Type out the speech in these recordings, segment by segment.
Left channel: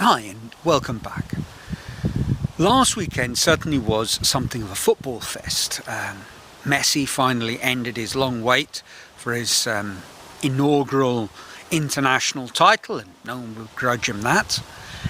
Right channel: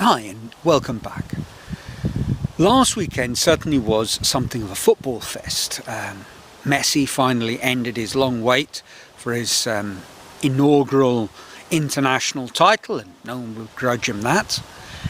Hi and welcome back. Last weekend certainly was something of a football fest. Messi finally ended his long wait for his inaugural international title, and no one will grudge him that.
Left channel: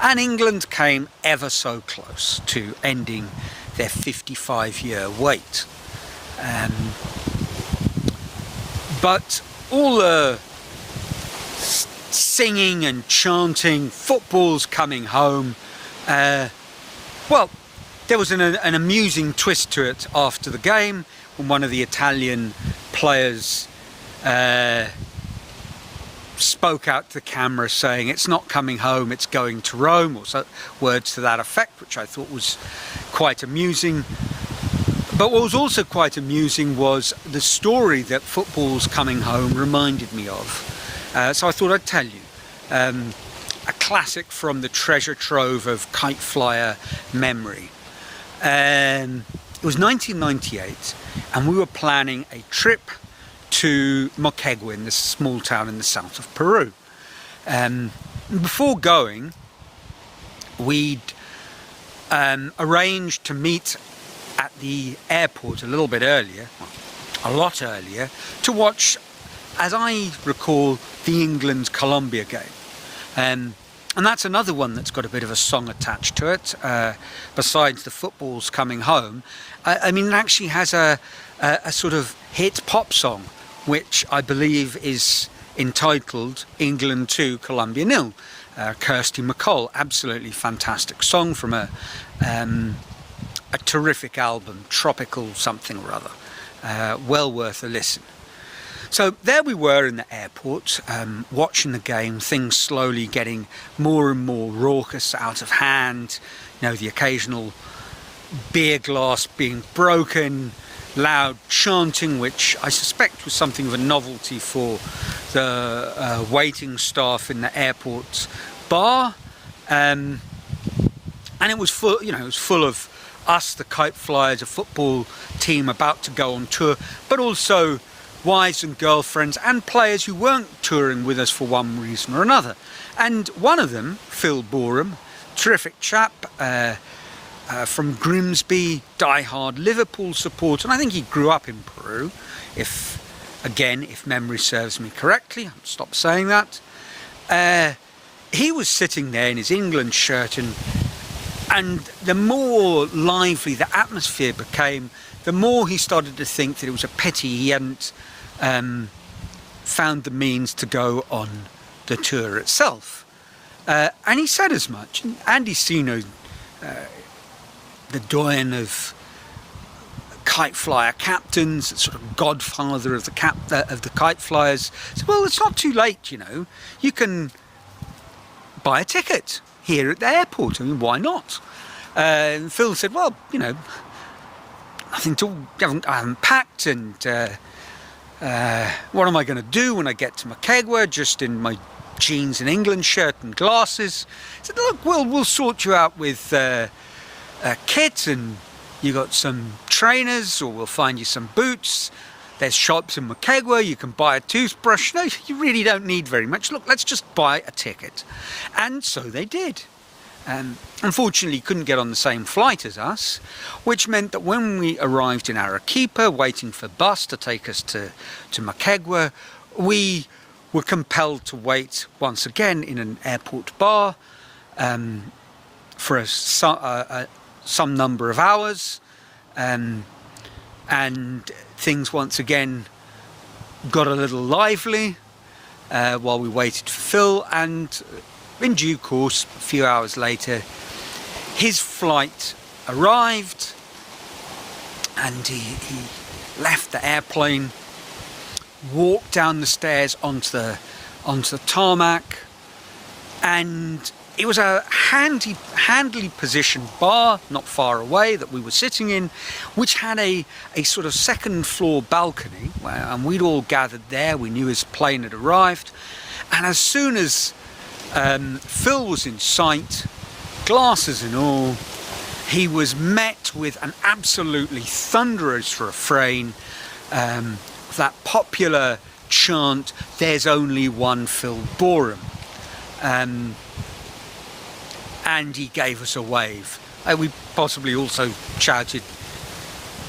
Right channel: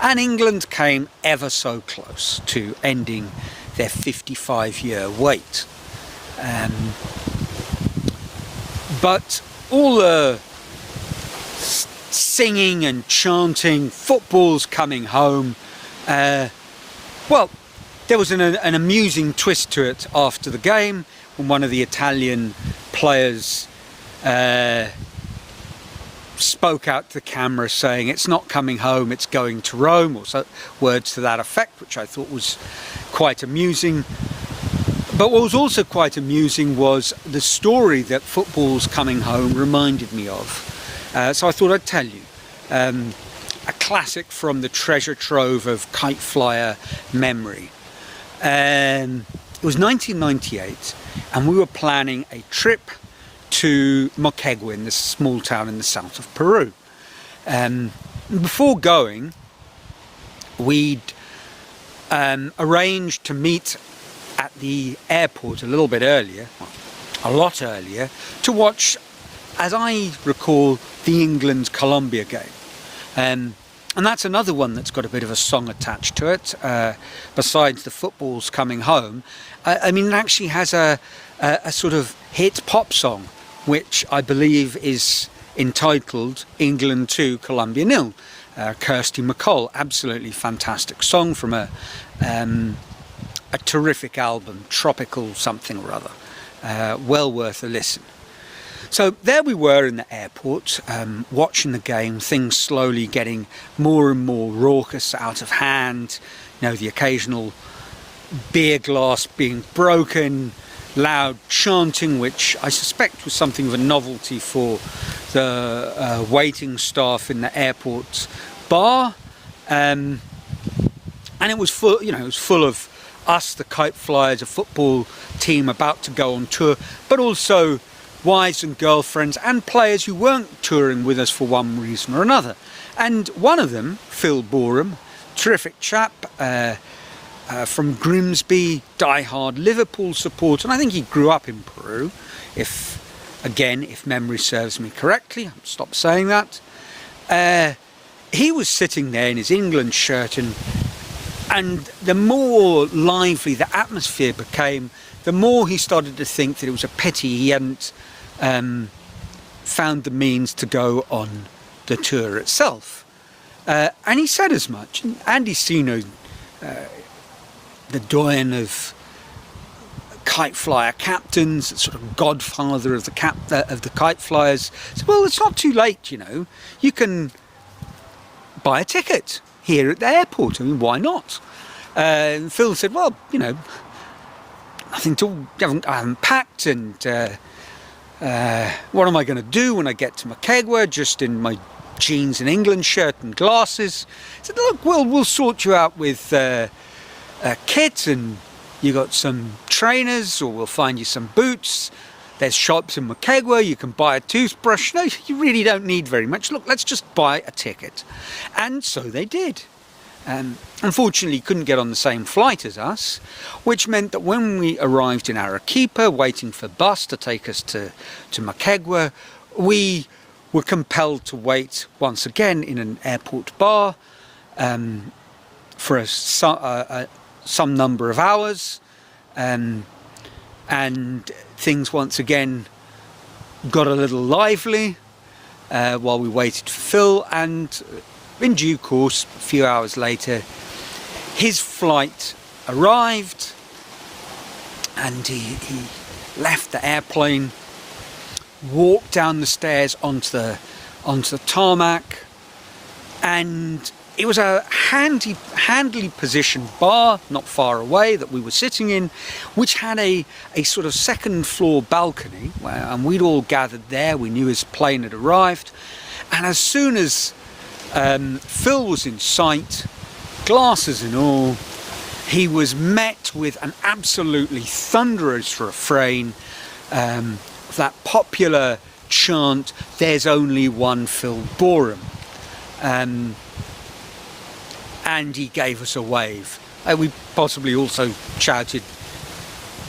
And England came ever so close to ending their 55-year wait. But all the singing and chanting, football's coming home. Well, there was an amusing twist to it after the game when one of the Italian players spoke out to the camera saying it's not coming home, it's going to Rome, or so, words to that effect, which I thought was quite amusing. But what was also quite amusing was the story that football's coming home reminded me of. So I thought I'd tell you a classic from the treasure trove of kite flyer memory. It was 1998 and we were planning a trip to Moquegua, in this small town in the south of Peru. Before going, we'd arranged to meet at the airport a little bit earlier, a lot earlier, to watch, as I recall, the England-Colombia game. And that's another one that's got a bit of a song attached to it, besides the football's coming home. I mean, it actually has a sort of hit pop song, which I believe is entitled England 2, Colombia 0. Kirsty MacColl, absolutely fantastic song from a terrific album, Tropical something or other. Well worth a listen. So there we were in the airport, watching the game, things slowly getting more and more raucous, out of hand. You know, the occasional beer glass being broken, loud chanting, which I suspect was something of a novelty for the waiting staff in the airport bar. And it was full, you know, it was full of us, the Kite Flyers, a football team about to go on tour, but also wives and girlfriends and players who weren't touring with us for one reason or another. And one of them, Phil Boreham, terrific chap from Grimsby, die-hard Liverpool supporter, and I think he grew up in Peru, if memory serves me correctly. I'll stop saying that. He was sitting there in his England shirt, and the more lively the atmosphere became, the more he started to think that it was a pity he hadn't found the means to go on the tour itself. And he said as much. And Andy Sino, the doyen of kite flyer captains, sort of godfather of the kite flyers, said, well, it's not too late, you know. You can buy a ticket here at the airport. I mean, why not? And Phil said, well, you know, I haven't packed, and what am I going to do when I get to Moquegua, just in my jeans and England shirt and glasses? He said, look, we'll sort you out with a kit, and you got some trainers, or we'll find you some boots. There's shops in Moquegua, you can buy a toothbrush. No, you really don't need very much. Look, let's just buy a ticket. And so they did. Unfortunately, he couldn't get on the same flight as us, which meant that when we arrived in Arequipa, waiting for bus to take us to Moquegua, we were compelled to wait once again in an airport bar for some number of hours, and things once again got a little lively while we waited for Phil, and in due course, a few hours later, his flight arrived, and he left the airplane, walked down the stairs onto the tarmac, and it was a handily positioned bar not far away that we were sitting in, which had a sort of second floor balcony, and we'd all gathered there. We knew his plane had arrived, and as soon as Phil was in sight, glasses and all, he was met with an absolutely thunderous refrain, that popular chant, "There's only one Phil Boreham." and he gave us a wave. We possibly also shouted,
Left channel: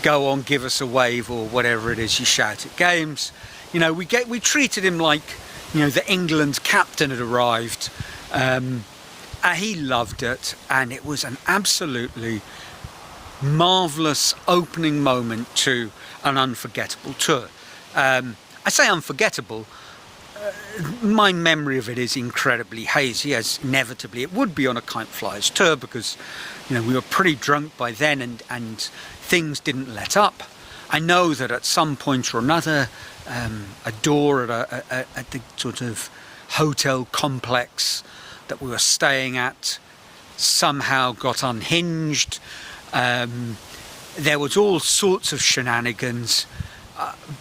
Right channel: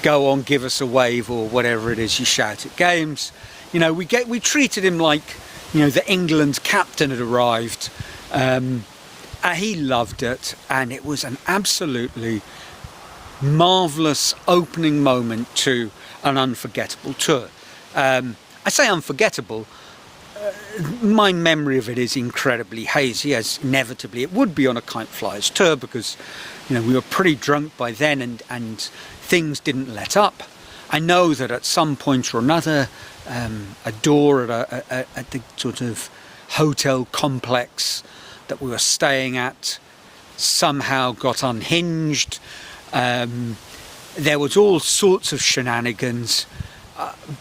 "Go on, give us a wave," or whatever it is you shout at games. You know, we treated him like, you know, the England's captain had arrived. He loved it, and it was an absolutely marvellous opening moment to an unforgettable tour. I say unforgettable, my memory of it is incredibly hazy, as inevitably it would be on a Kite Flyers tour, because, you know, we were pretty drunk by then, and things didn't let up. I know that at some point or another, a door at the sort of hotel complex that we were staying at somehow got unhinged. There was all sorts of shenanigans,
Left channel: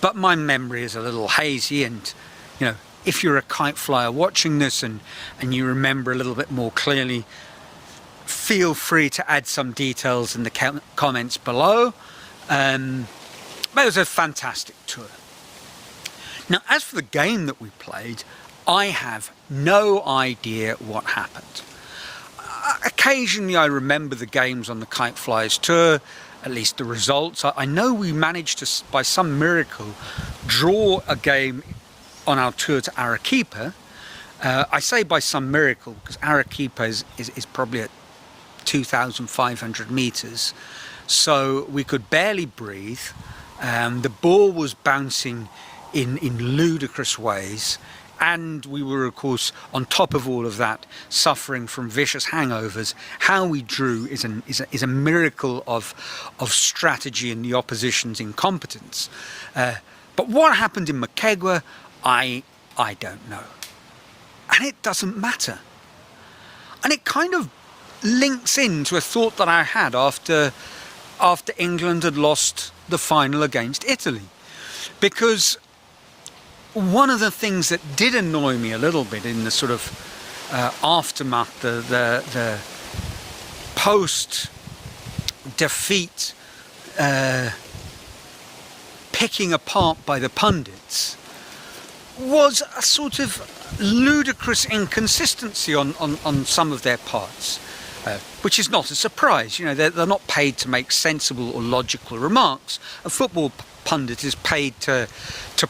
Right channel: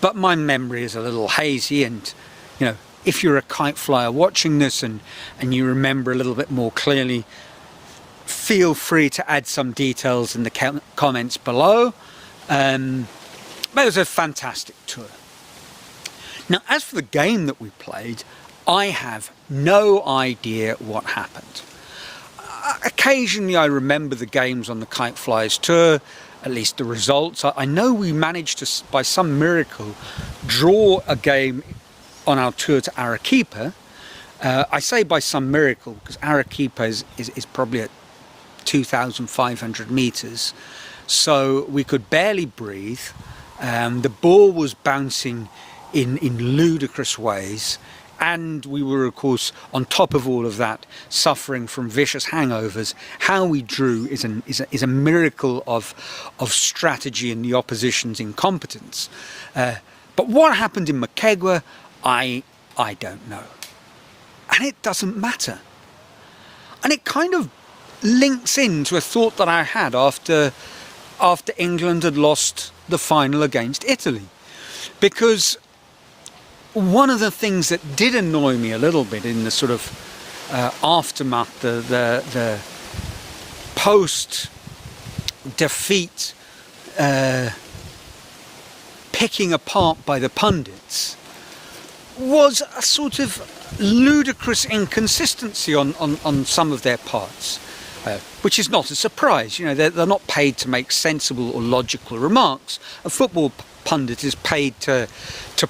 but my memory is a little hazy, and, you know, if you're a kite flyer watching this and you remember a little bit more clearly, feel free to add some details in the comments below. But it was a fantastic tour. Now, as for the game that we played, I have no idea what happened. Occasionally I remember the games on the Kite Flyers tour, at least the results. I know we managed to, by some miracle, draw a game on our tour to Arequipa. I say by some miracle because Arequipa is probably at 2,500 meters, so we could barely breathe. The ball was bouncing in ludicrous ways, and we were, of course, on top of all of that, suffering from vicious hangovers. How we drew is a miracle of strategy and the opposition's incompetence. But what happened in Moquegua, I don't know. And it doesn't matter. And it kind of links into a thought that I had after England had lost the final against Italy. Because one of the things that did annoy me a little bit in the sort of aftermath, the post-defeat picking apart by the pundits, was a sort of ludicrous inconsistency on some of their parts, which is not a surprise. You know, they're not paid to make sensible or logical remarks. A football pundit is paid to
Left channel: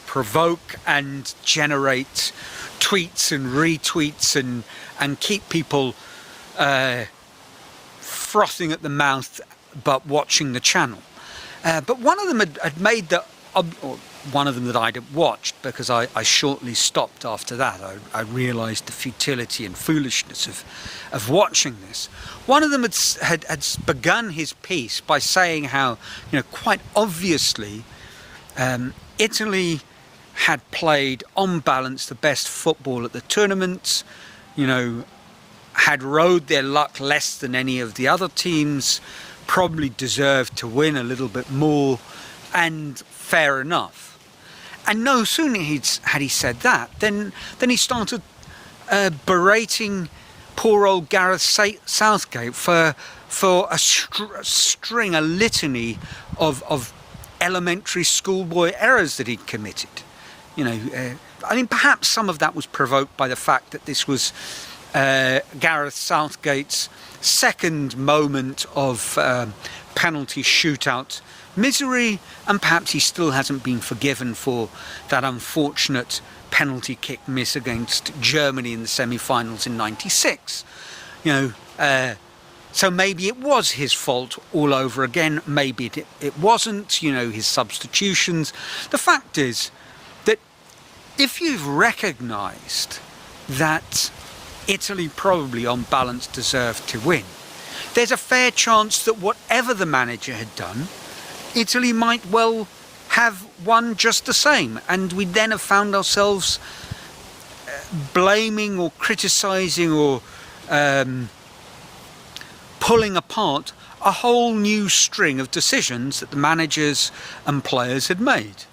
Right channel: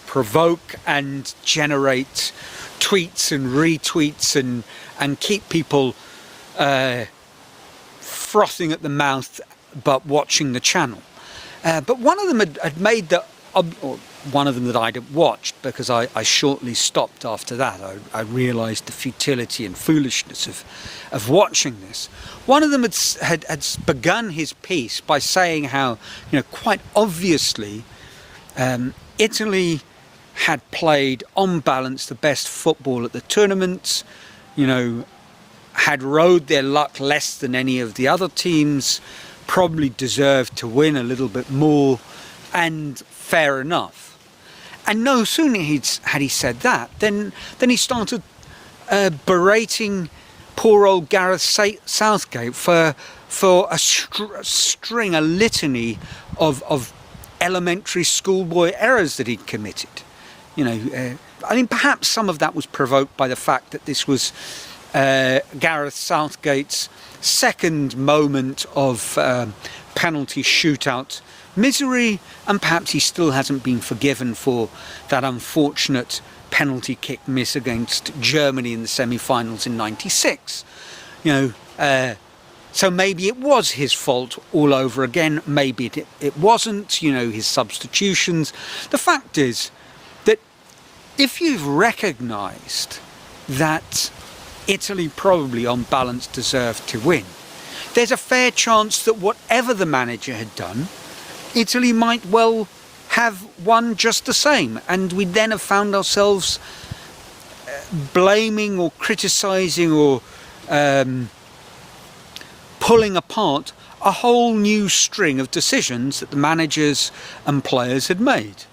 provoke and generate tweets and retweets and keep people frothing at the mouth but watching the channel. But one of them had made the, or one of them that I'd watched, because I shortly stopped after that. I realised the futility and foolishness of watching this. One of them had begun his piece by saying how, you know, quite obviously, Italy had played, on balance, the best football at the tournament, you know, had rode their luck less than any of the other teams, probably deserved to win a little bit more, and fair enough. And no sooner had he said that, then he started berating poor old Gareth Southgate for a string, a litany of elementary schoolboy errors that he'd committed. You know, I mean, perhaps some of that was provoked by the fact that this was Gareth Southgate's second moment of penalty shootout misery, and perhaps he still hasn't been forgiven for that unfortunate penalty kick miss against Germany in the semi-finals in '96. You know, so maybe it was his fault all over again. Maybe it wasn't, you know, his substitutions. The fact is that if you've recognised that Italy probably on balance deserved to win, there's a fair chance that whatever the manager had done, Italy might well have won just the same, and we'd then have found ourselves blaming or criticising or pulling apart a whole new string of decisions that the managers and players had made.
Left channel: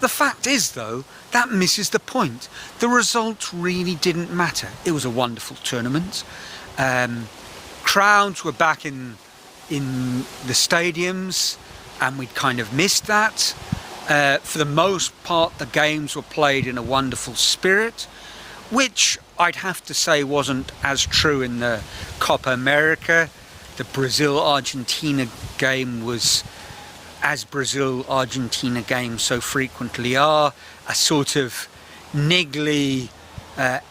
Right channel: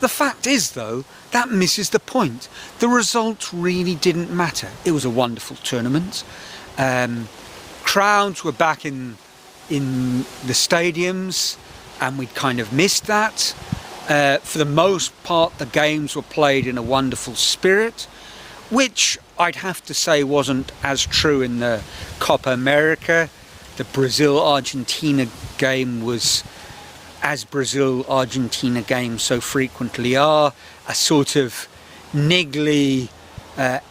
The fact is, though, that misses the point. The result really didn't matter. It was a wonderful tournament. Crowds were back in the stadiums, and we'd kind of missed that. For the most part, the games were played in a wonderful spirit, which I'd have to say wasn't as true in the Copa America. The Brazil-Argentina game was, as Brazil-Argentina games so frequently are, a sort of niggly,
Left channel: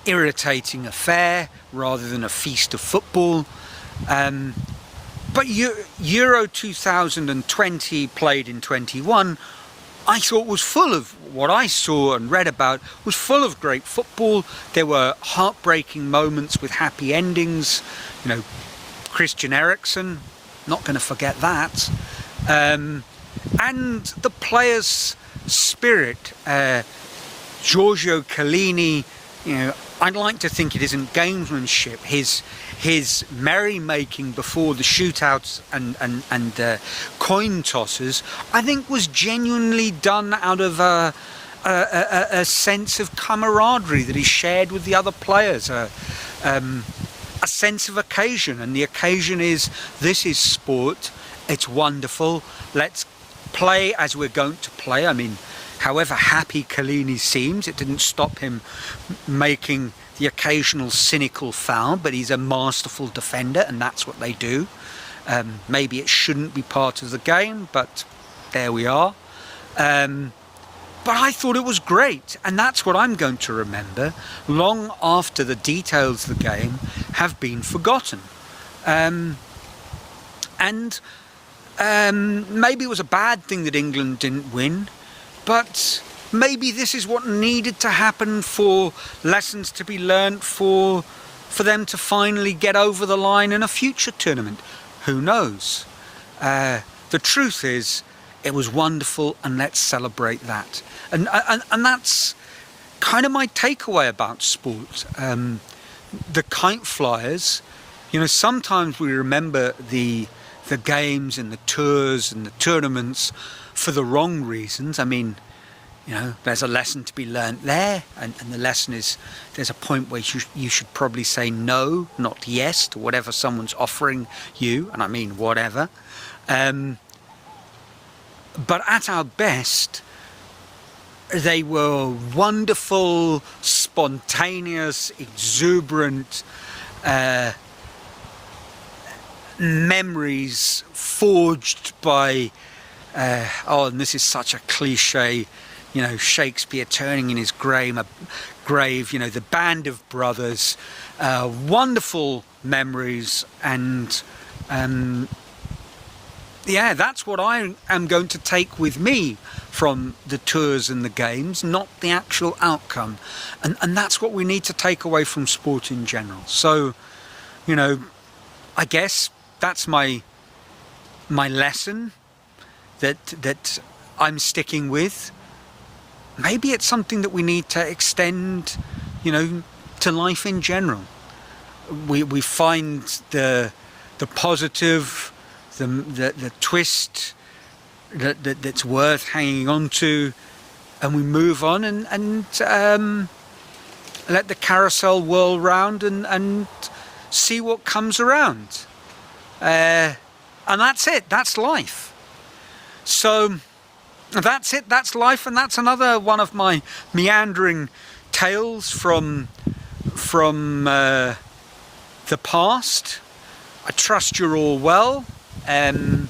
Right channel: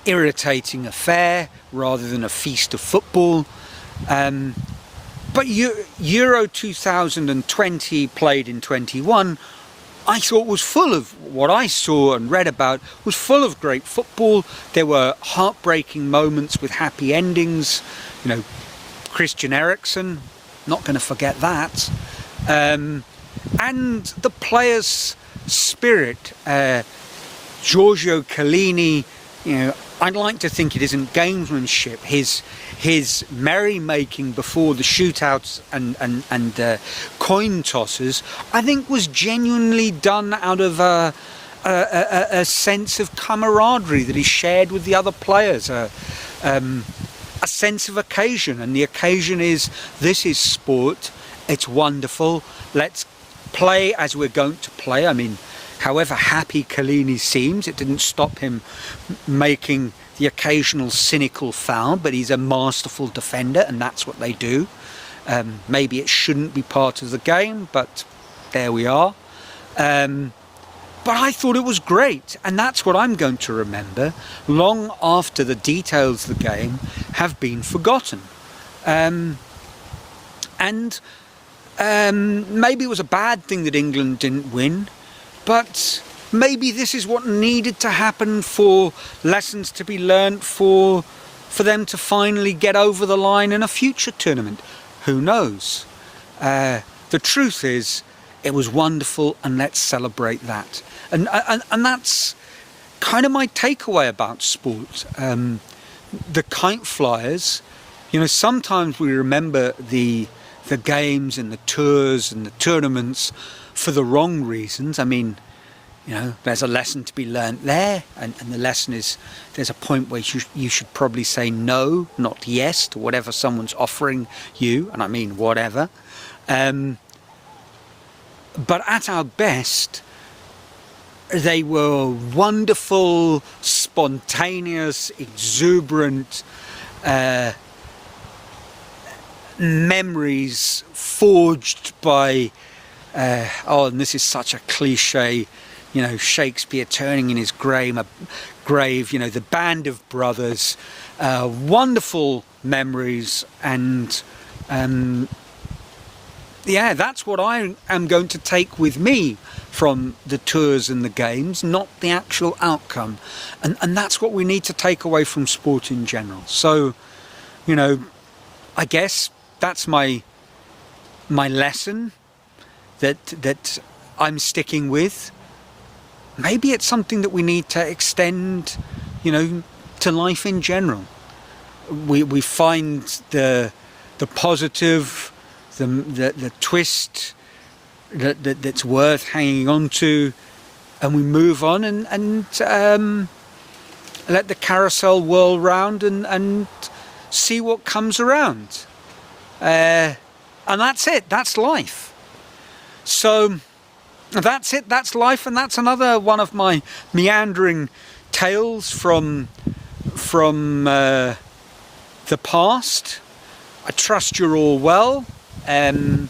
irritating affair rather than a feast of football. But Euro 2020, played in 21, I thought was full of, what I saw and read about, was full of great football. There were heartbreaking moments with happy endings. You know, Christian Eriksen, not going to forget that. And the players' spirit, Giorgio Chiellini, you know, I'd like to think it isn't gamesmanship. His merrymaking before the shootouts and coin tosses, I think, was genuinely done out of a sense of camaraderie that he shared with the other players, a sense of occasion. And the occasion is, this is sport, it's wonderful, let's play as we're going to play. I mean, however happy Chiellini seems, it didn't stop him making the occasional cynical foul, but he's a masterful defender, and that's what they do. Maybe it shouldn't be part of the game, but there we are. But I thought it was great, and that's what I'm going to remember long after the details of the game have been forgotten. Maybe it was a bad thing that England didn't win, but maybe this is what needed to happen for lessons to be learnt for them to finally get over the line in a future tournament. Who knows? The truth is, it was wonderful, and let's celebrate that. And that's kind of my takeaway about sport. The kite flyers, you know, sometimes we remember the games and the tours and the tournaments for the wrong reasons. I mean, you know, there's a lesson to be learnt there, and the lesson is, there's a point where you should probably say no, not yes, to whatever someone's offering you, and I mean whatever. But at our best, they were wonderful, spontaneous, exuberant memories forged by, and this is such a cliche, you know, Shakespeare turning in his grave, you know, the band of brothers, wonderful memories, and yeah, that's what I am going to take with me from the tours and the games, not the actual outcome. And that's what we need to take away from sport in general. So, you know, I guess that's my lesson that I'm sticking with. Maybe it's something that we need to extend, you know, to life in general. We find the positive, the twist that's worth hanging on to, and we move on and let the carousel whirl round and see what comes around. And that's it. That's life. So that's it. That's life, and that's another one of my meandering tales from the past. I trust you're all well, and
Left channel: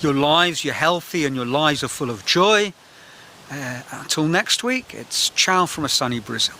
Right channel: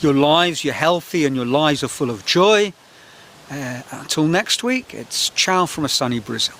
your lives, you're healthy, and your lives are full of joy. Until next week, it's ciao from a sunny Brazil.